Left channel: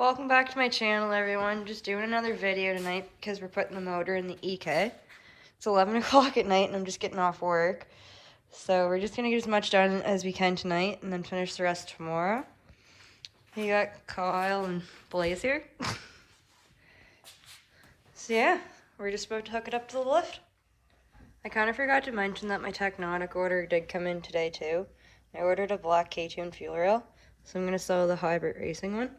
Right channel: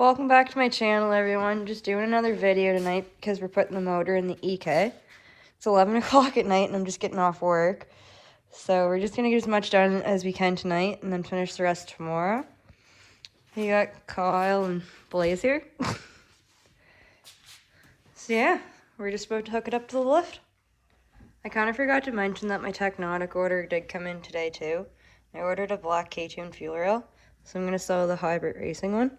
Welcome back to my channel, everyone. Just doing another video tonight because we're putting the motor in the EK. It's 11 o'clock at night and I'm just getting off work. So we're just going to get as much done as we can tonight and then finish the rest tomorrow. We got Kyle and Blaze here. So yeah, we're just about to hook it up to the lift. I kind of forgot to mention that my Technotic order did come in today too. I ordered a black K20A2 fuel rail, so I'm going to sell the hybrid racing one.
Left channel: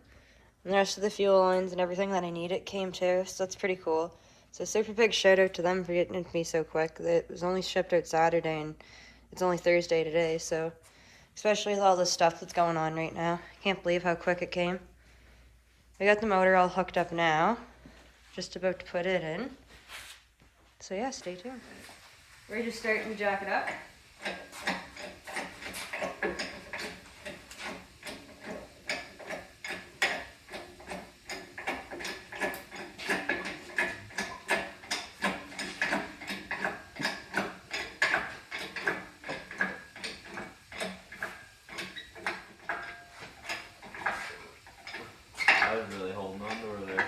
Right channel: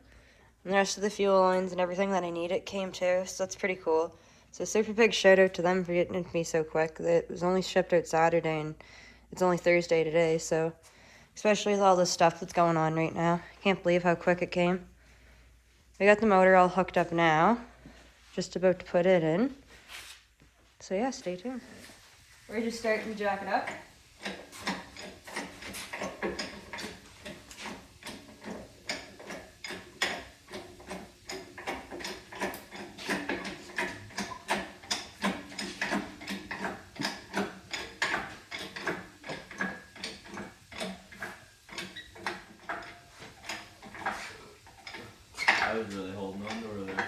And the rest of the fuel lines and everything that I need it came too, so that's pretty cool. So super big shout out to them for getting it to me so quick. It was only shipped out Saturday and it's only Thursday today, so especially with all this stuff that's going on right now. Can't believe how quick it came. We got the motor all hooked up now. Just about to put it in. So yeah, stay tuned. We're just starting to jack it up. I was really holding on to her there.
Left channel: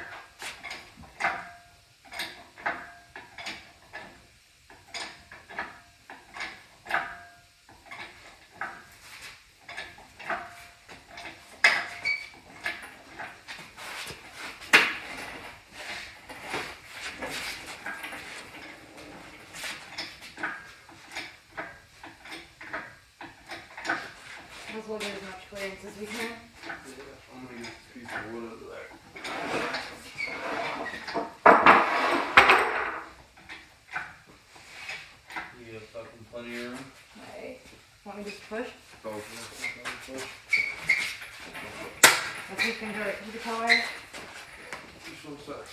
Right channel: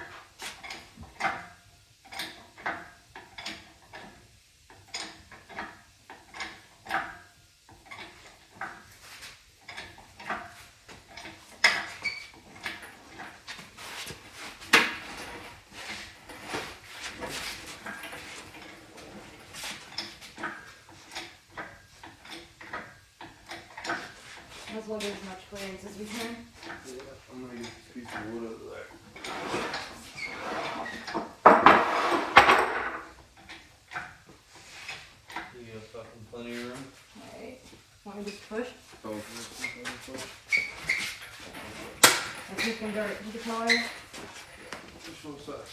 Let's look at as much clearance as we can. Yeah, I'm gonna get this piece of wood out of there. You got fucking plenty of room? Alright. Want me to just push? Go for it. If you can go right to the collar. Just one sec.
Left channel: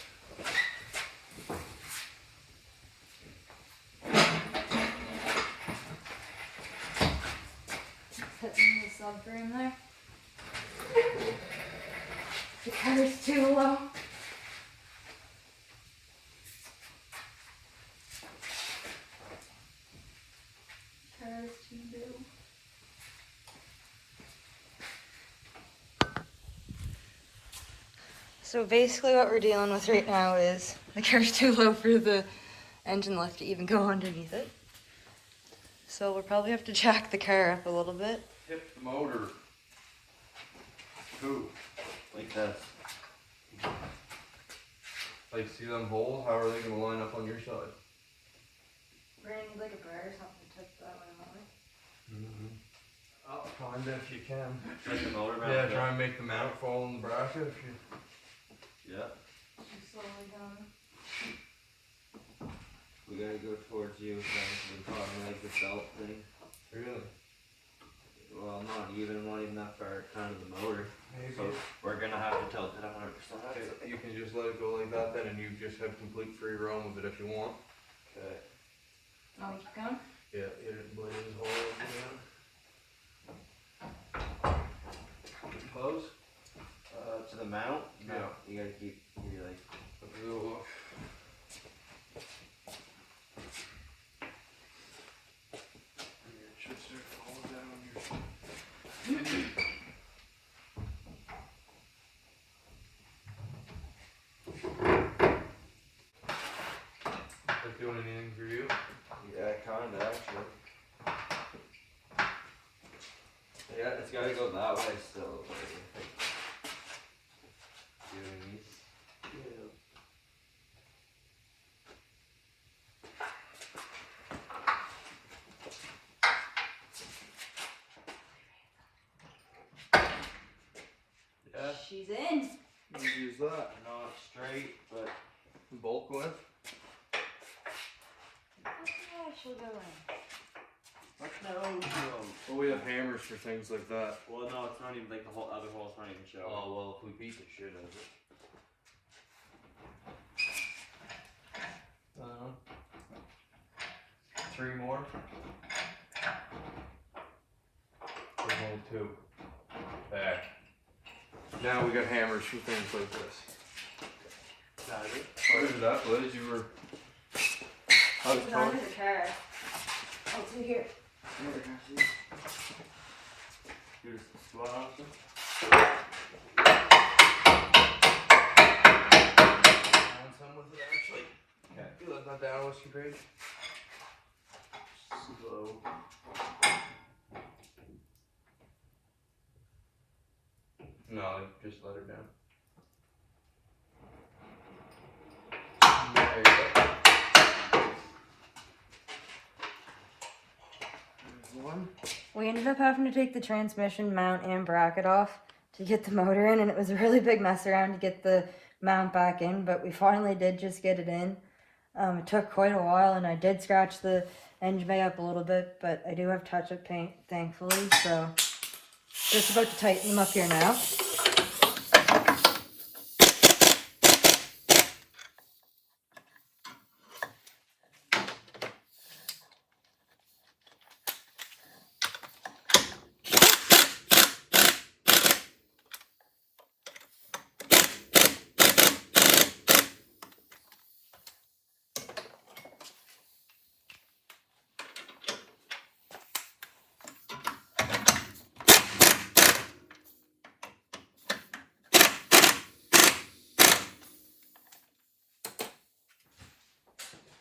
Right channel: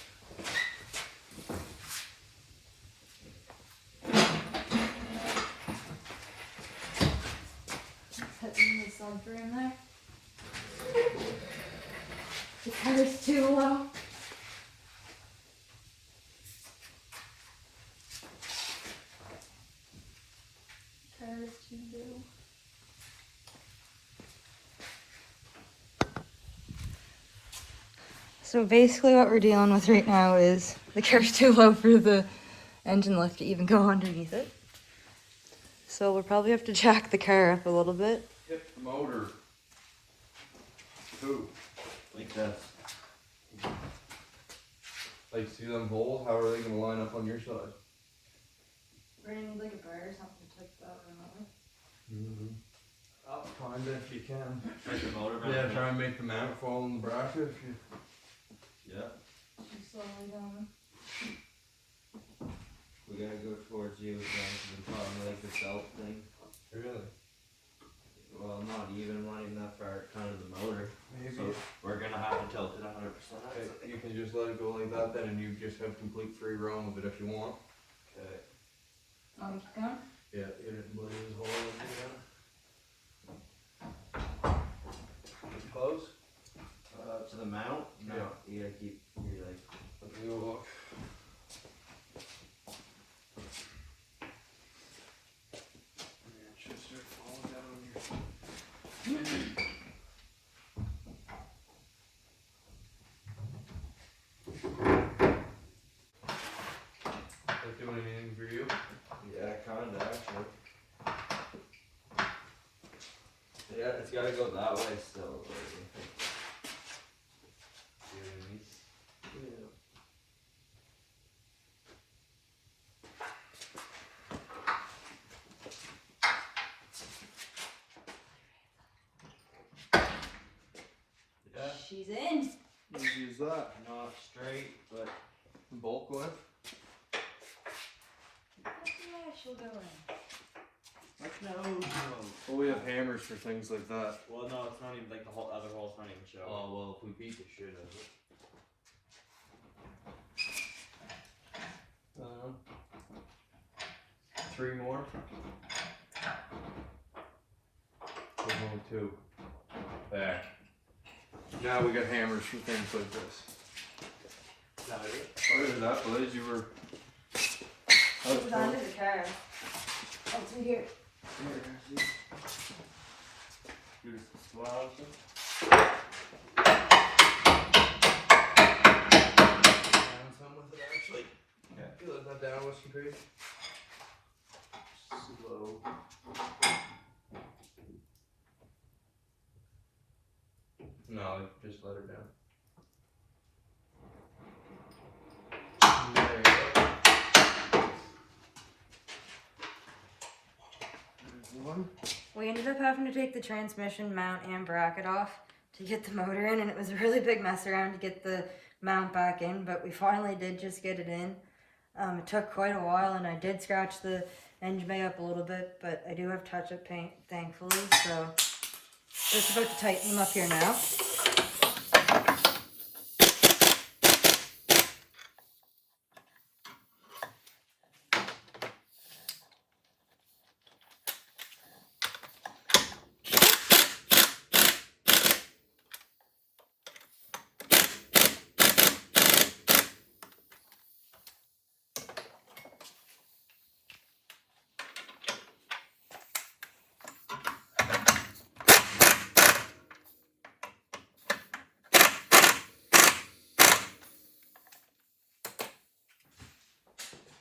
Putting the subframe there. The car's too low. Car's too low. So basically what we're dealing with right now is the car's too low for the engine lift to even go underneath it. So we'll probably have to jack the car up a little bit. Hip the motor. Two. Like that. Like, see them holes? How are they gonna line up on your side? We're gonna need like a bar or something to tip that one away. Up, kinda, if you can. Make the motor back Yeah, up. try and make the mount fall in the bracket if you... Yeah. Just slowly down. We gotta go towards you, so we can probably like the belt thing. Really? Well, not even that far, kind of the motor. Maybe. So we're gonna have to tilt it 100%. You can just let it go like that then, and you just have complete free roam of it if you want. Okay. Oh, keep going? Yeah, hit it and Blaze's hole in. Close? To the mount? No, Yeah. you gotta keep, you like... Let me go look. Yeah, it should start falling down on your... That do anything for you? Yeah, kinda actually. Yeah, it's gotta go that way still. See what I mean? Yeah. Yeah, She's in. Easy as that. not straight, but Bulk width? Yeah, she'll go in. no. Well, we have hammers for things like that. Well, no, it's not even like the whole other hole's not even showing. Oh, well, if we beat the shit out of it. Three more? There's only two. There. Now we got hammers for things like this. Got it. Where is that, Blaze? You were... It's under the car. Oh, it's in here. You just squat off this? concentrate. Slow. No, just let her down. There you go. There's one. We ended up having to take the transmission mount and bracket off to get the motor in, and it was a really big mess around to get the mount back in, but we finally did just get it in. It took quite a while, and I did scratch the engine bay up a little bit, but I do have touch-up paint, thankfully, so just about to tighten them up here now.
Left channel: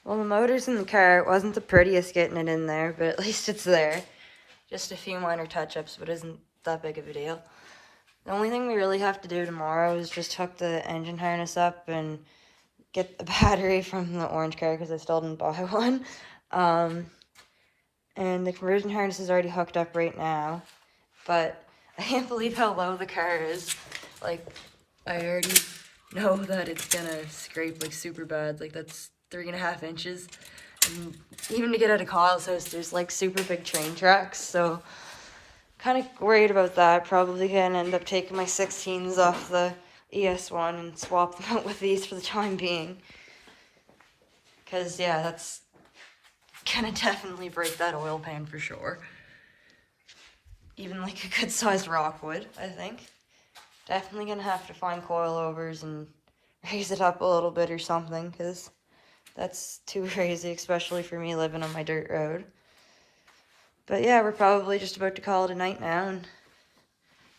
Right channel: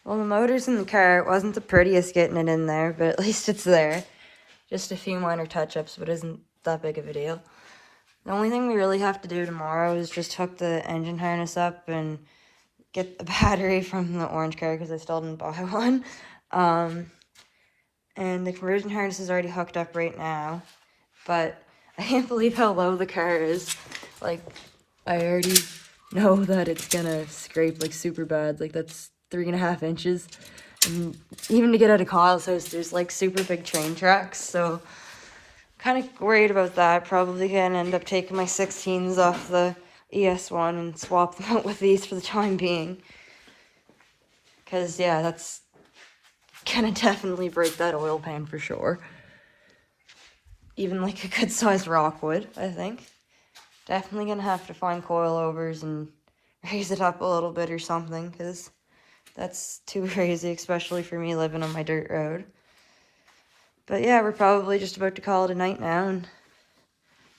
Well, the motor's in the car. It wasn't the prettiest getting it in there, but at least it's there. Just a few minor touch-ups, but isn't that big of a deal. The only thing we really have to do tomorrow is just hook the engine harness up and get the battery from the orange car, because I still didn't buy one. And the conversion harness is already hooked up right now, but I can't believe how low the car is. Like, I already know that it's gonna scrape like super bad. Like, that's 3.5 inches, and even to get out of Kyle's house, there's like super big train tracks, so kind of worried about that. Probably gonna end up taking my 16s off the ES1 and swap them out with these for the time being, because yeah, that's gonna definitely break that oil pan for sure. Even like a good sized rock would, I think. Definitely gonna have to find coilovers and raise it up a little bit or something, because that's too crazy, especially for me living on my dirt road. But yeah, we're probably just about to call it a night now and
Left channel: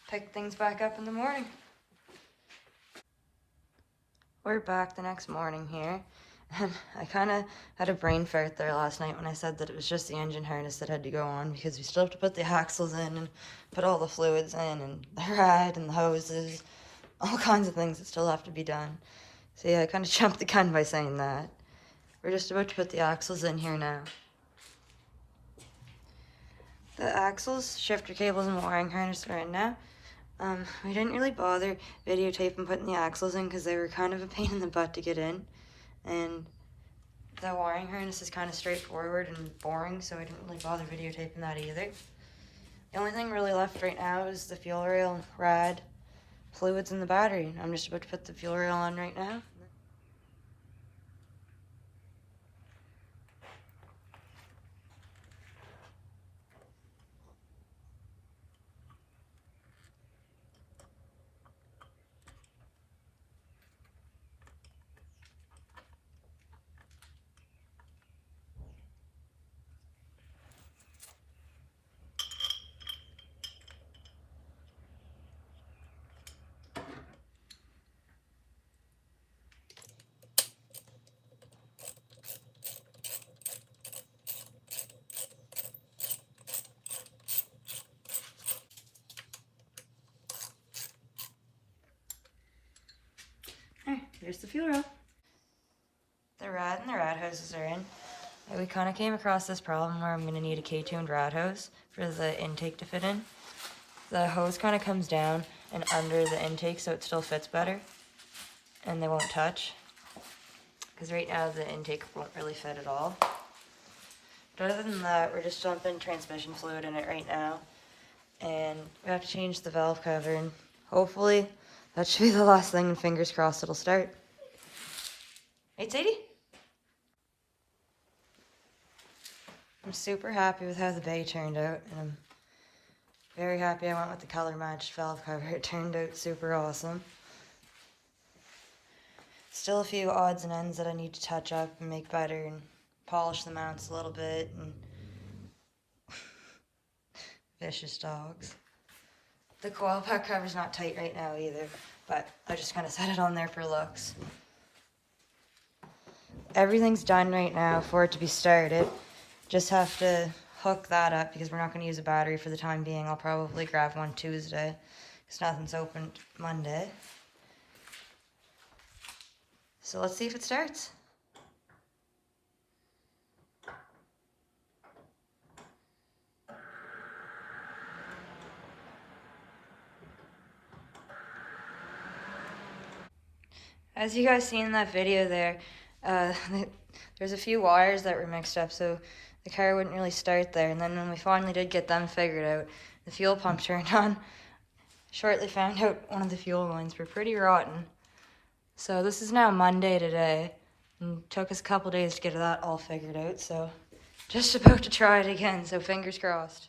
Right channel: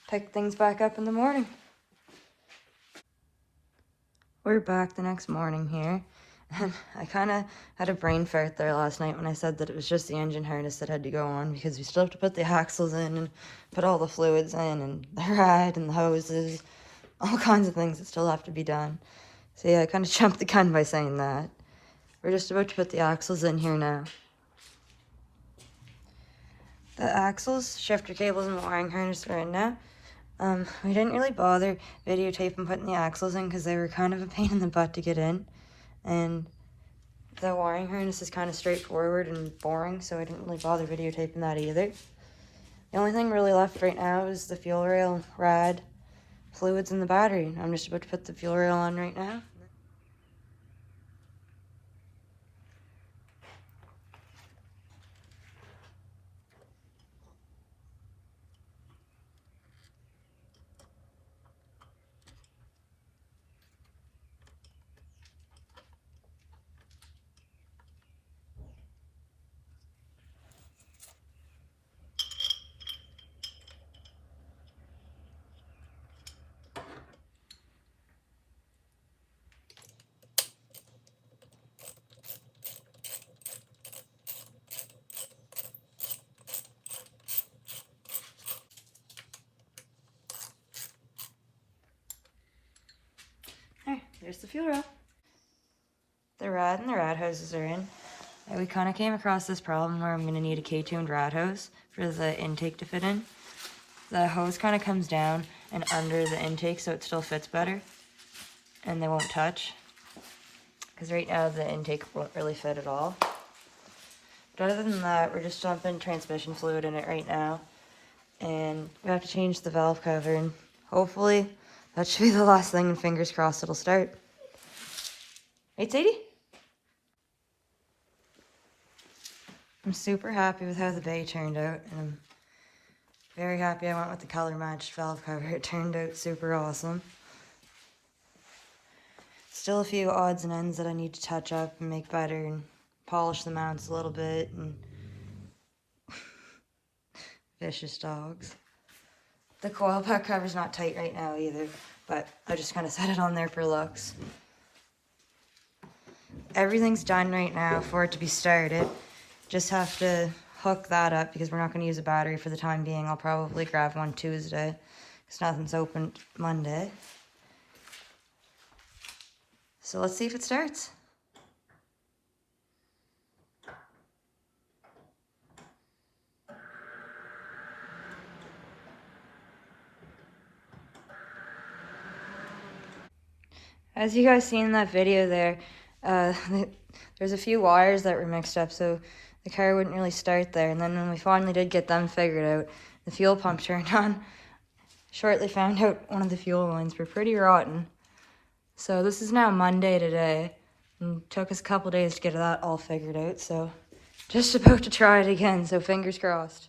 pick things back up in the morning. We're back the next morning here, and I kind of had a brain fart there last night when I said that it was just the engine harness that had to go on, because we still have to put the axles in and put all the fluids in and the rad and the hoses, all kinds of things that still have to be done. So yeah, I kind of jumped the gun by saying that. We're just about to put the axles in here now. The axles, shifter cables, and the wiring harness are in now. We didn't really bother videotaping putting the axles in because they were kind of a pain in the butt to get in. And the wiring harness is kind of straightforward and boring, so I didn't really bother videotaping that either. The only thing really left right now is the fuel rail, rad, fluids, and the battery. I'm just about to put the fuel rail on right now. There's the fuel rail. The rad and the rad hoses are in. We kind of came across this problem where I'm going to need a K-tuned rad hose for the intake to fit in. The hose kind of comes down and under the intake so it still fits better and they won't touch, because right now the intake won't really fit at all. But other than that, we're just dumping transmission fluid in it right now, and we have to change the valve cover, and hopefully that should be the last thing, and fingers crossed it'll start. Right, Sadie? I'm super happy with how the bay turned out, and I'm very happy I went with the color matched valve cover. It turned out super awesome. Still a few odds and ends that I need to touch up and make better and polish the mounts a little bit, and vicious dogs. The coil pack cover's not tight right now either, but I just kind of set it on there for looks. everything's done right now for it to be started. Just have to hook that up because we're not going to use a battery for the time being. I'll probably grab one Tuesday because nothing's open Monday. So let's see if it starts. As you guys seen in that video there, there's a few wires that were mixed up, so the car wouldn't really start there. And then when we finally did get them figured out, the fuel pump turned on. Shortly found out one of the fuel lines were pretty rotten. So this is now Monday today, and it took us a couple days to get that all figured out. So just about to try it again, so fingers crossed.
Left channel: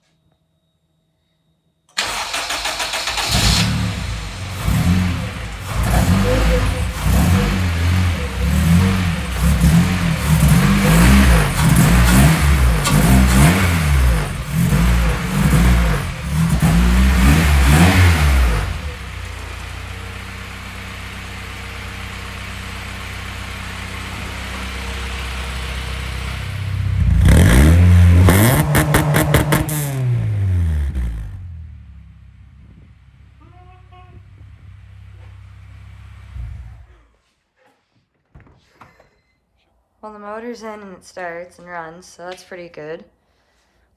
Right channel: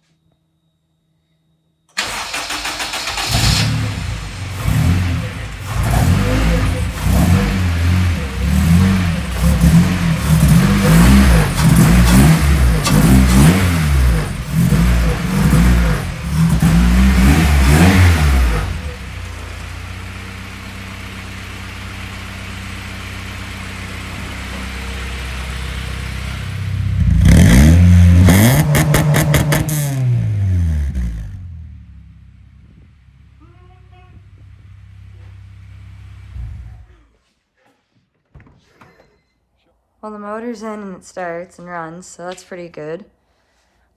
Well, the motor's in and it starts and runs, so that's pretty good.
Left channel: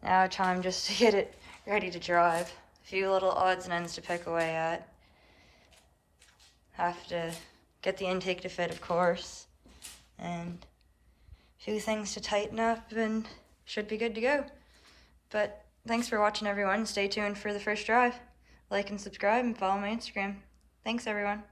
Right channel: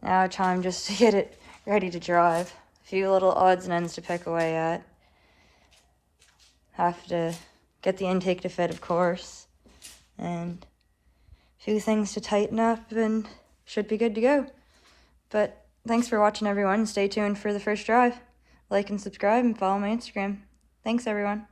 Now time just to get it ready to drive. A few little odds and ends to pick away at. Have to get the intake to fit, of course. And a few things to tighten up and should be good to go. But thanks for watching, everyone. Stay tuned for the first drive. Like and subscribe and follow my Instagram. Thanks, everyone.